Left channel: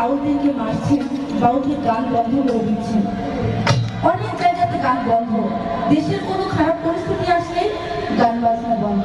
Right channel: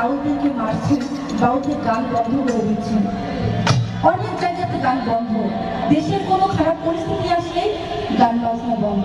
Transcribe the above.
বাউলদেরকে মারছেন, বাউলদের গান বন্ধ করে দিচ্ছেন। অনেক জায়গাতে গান বন্ধ, দেশের কোনো খারাপ পরিস্থিতি আসলেই গান বাজনা বন্ধ।